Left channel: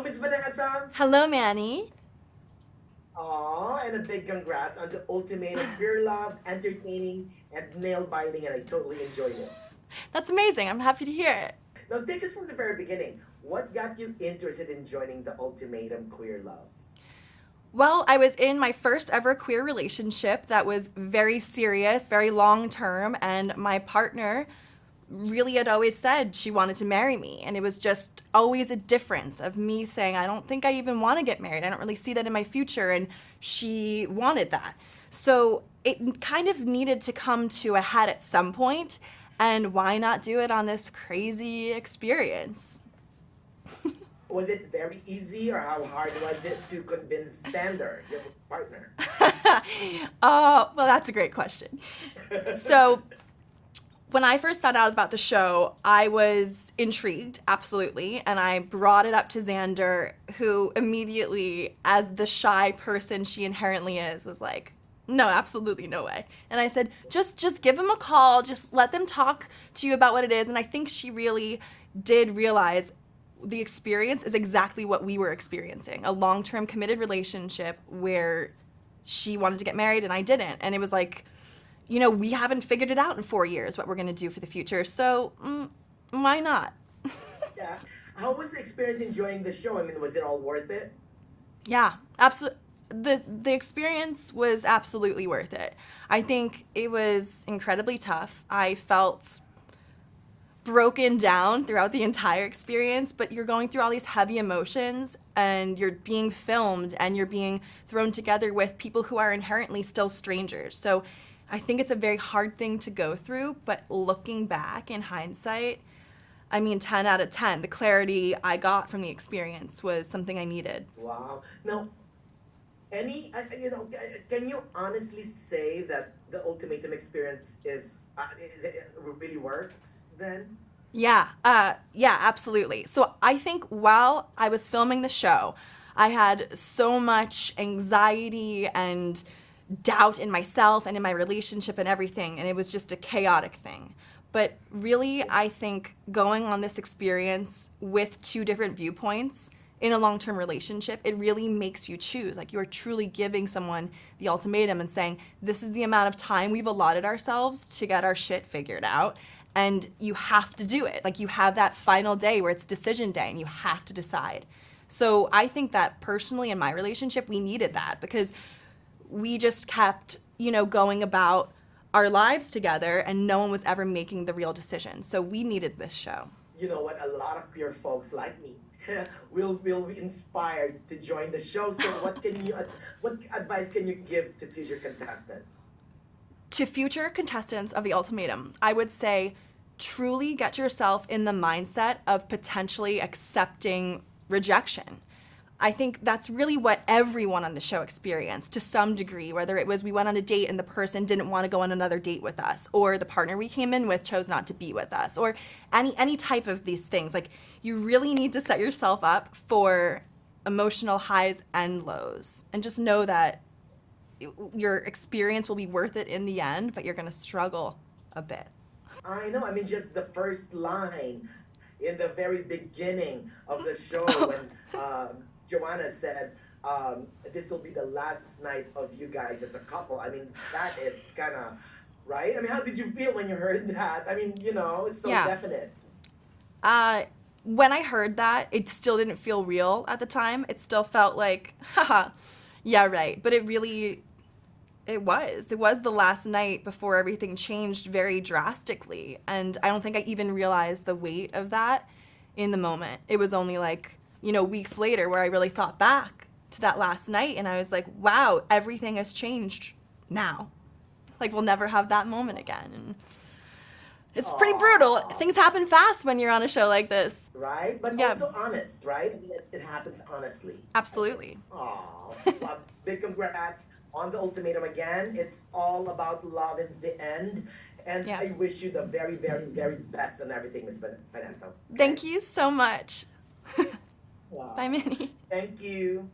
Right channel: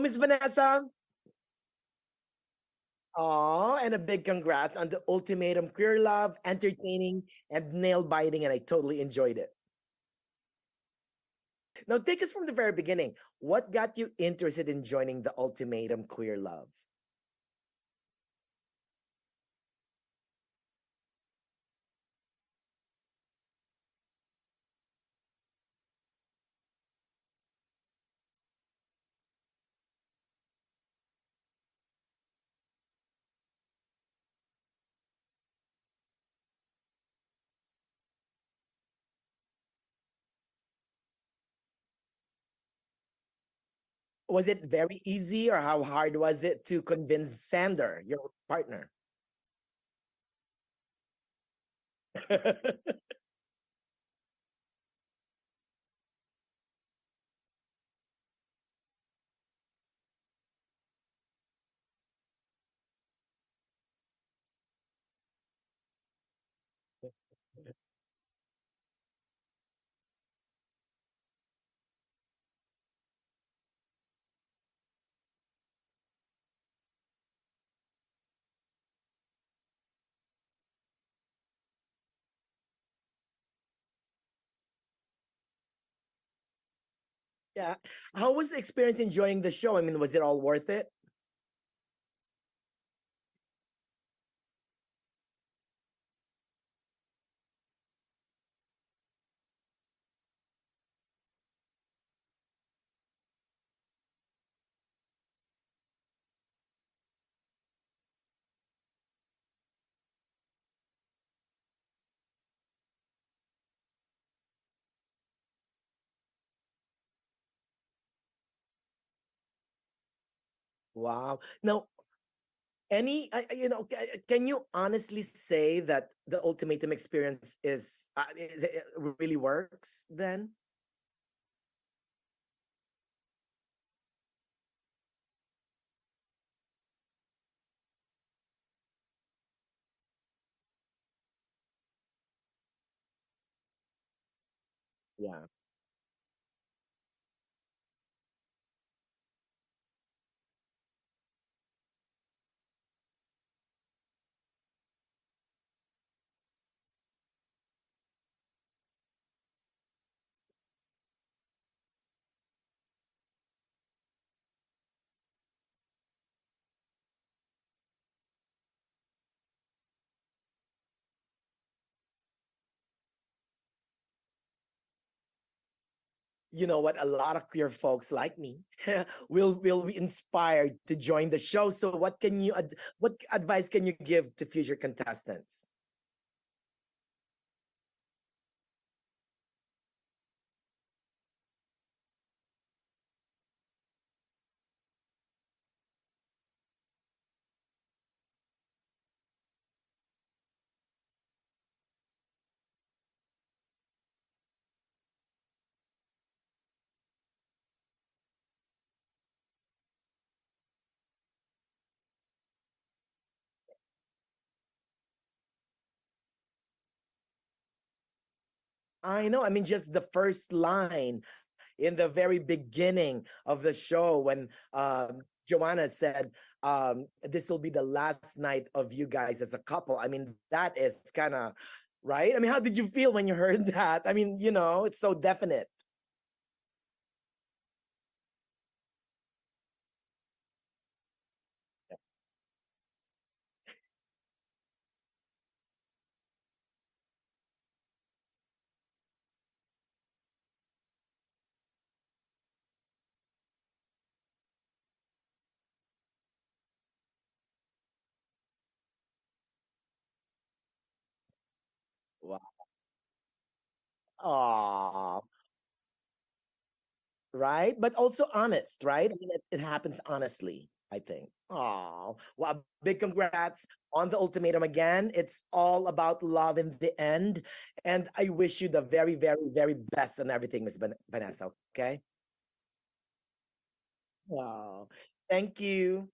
Hello, Miss Vanessa. Hello, Manny. Aw, and a big congrats on the ultimatum, pure love, entertaining, and nail biting, and I totally enjoyed it. That's amazing. I'm happy to hear it. Now, take us from the very beginning. What got you interested in joining the ultimatum queer love? Well, I was in my first ever queer relationship that was very serious, very long term, and my partner really had always said she wanted to marry me. And it was just always a difference of me saying, I don't think I even want to get married. I don't really see that in my future. And she wanted that. So it kind of needed to come to a head at some point. And why not do it on this crazy experience? Was it very easy, or how hard was it to convince Xander, your partner? Well, that's a great question. So, when I first found out about the show, I was intrigued, absolutely, and I brought it up to Xander, who immediately, as the shy person she inherently is, was like, "No, absolutely no way." And I said, "Just give them a call, just let them talk to you about what it is." And I think she really did realize the experience is exactly what we were experiencing, a long-term committed relationship where she wanted to get married and I didn't. And it was like, we haven't figured it out in 4 years what we're going to do for the future. So why not? Yeah. How was the experience enjoying the show? I mean, was it all worth it? Yeah, absolutely. The experience was absolutely worth it. I think it was incredibly tough. I felt broken down throughout the entire experience, but you're going through all these heavy emotions and you're being filmed and you're being thrown together with people who are inherently still strangers. So I think it's a very hard thing to go through, but looking back in hindsight, I mean, 10 out of 10, the clarity I got from the experience was something I needed. Wow. Now, can you honestly say that the ultimatum experience it really works then? Yeah, absolutely. So I think while I was filming the show, I had so much anxiety and doubt in myself and in my relationship and everything, and it was just a chaotic thing. But really, I think going on this experience with two different viewpoints in a long-term relationship, it really makes you choose. Like, you are truly giving someone the ultimatum and saying, this is the amount of time we've allotted ourselves to get our shit figured out, and you have to do it. Like, you have that final day where it's decision day and you have to decide. So I think that personally in my relationship, we needed that because we just kept, going about our lives together and no one was ever making the real decision. So we needed this show. You know what? A lot of queer folks like me will be inspired to join the show. So, what advice can you give to future contestants? To future contestants of the ultimatum, I would say truly get yourself in the mindset of potentially accepting rejection. I think that's really what everyone on the show experienced to some degree, whether it was we went on a date and the person didn't want to go on another date with us, or the partner we came in with chose not to be with us, or any type of these things. Like, you really need to set yourself up for emotional highs and lows and just know that your experience will be worth it in the end, but you're going to struggle a bit. I know. I mean, just the first line in the very beginning of the show when Joanna said, "This will be the last night of you guys as a couple." I mean, that is kind of right. I mean, how did you feel when you heard that? I mean, it's so Yeah. definite. When I heard that, it still didn't feel real at the time. It still felt like, haha, yeah, right. But it was the last night before everything changed very drastically. And I don't think I even realized the weight of that in the moment. It was only like, weeks later where I really thought back to that last night and I was like, wow, everything has changed now. Like, we'll never have that moment again. And it's pretty brutal. Aw, Things happen fast when you're on a show like this. right? But Yeah, also honest, right? I mean, it happens honestly, I think. absolutely. Oh, well, big congrats on the ultimatum again. It's all about love in the end. And Yeah. I wish you the very, very, very best and everything, Miss Vanessa. Thank Okay? you so much. Bye, Wow. Minnie. Thank you.